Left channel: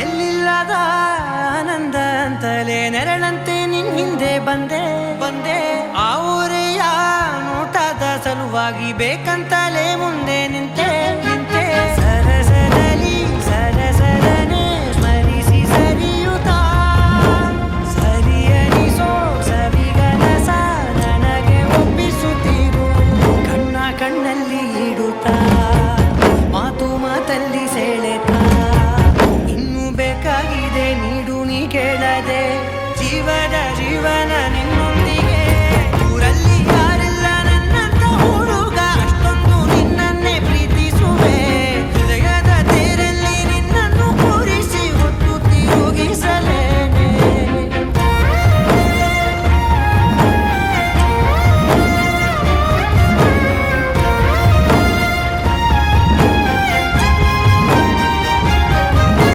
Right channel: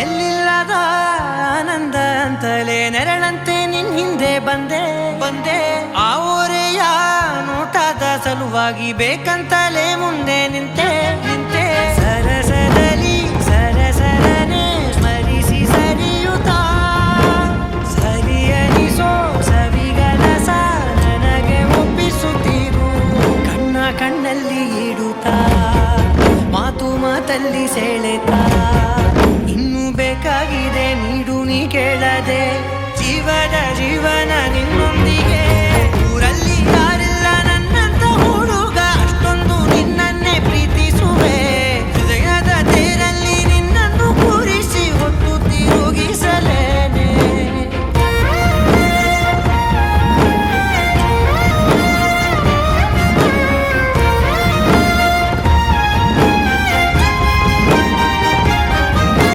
ಎಲ್ಲಿಲ್ಲದ ಆನಂದ ಅಂತಲೇ ನೆರಳಂತೆ ನಿನ್ ಹಿಂದೆ ಬಂದೆ ಆ ಊರೆಯ ನೋಟದ ಸಲುವಾಗಿ ಬೇಕಂತಲೇ ಮುಂದೆ ನಿಂತೆ ಸರಸದಲ್ಲಿ ಸರಸರನೆ ಸ್ಮರಿಸಿ ಸರಿಯುತ್ತಾ ಸರಿಯನಿಸೋ ಸವಿಗನಸ ನನಗೆ ಒಪ್ಪಿಸುತ್ತೀರು ಕಣ್ಣಲ್ಲಿ ಇಡುತ್ತಾ ಮಾತಲ್ಲಿ ಸೆಳೆತಾ ಇನ್ನು ಬೇಕಾಗಿದೆ ನೀಡು ನೀ ಕೇಳದೆ ಜೀವನ ನಿನ್ನೊಂದಿಗೆ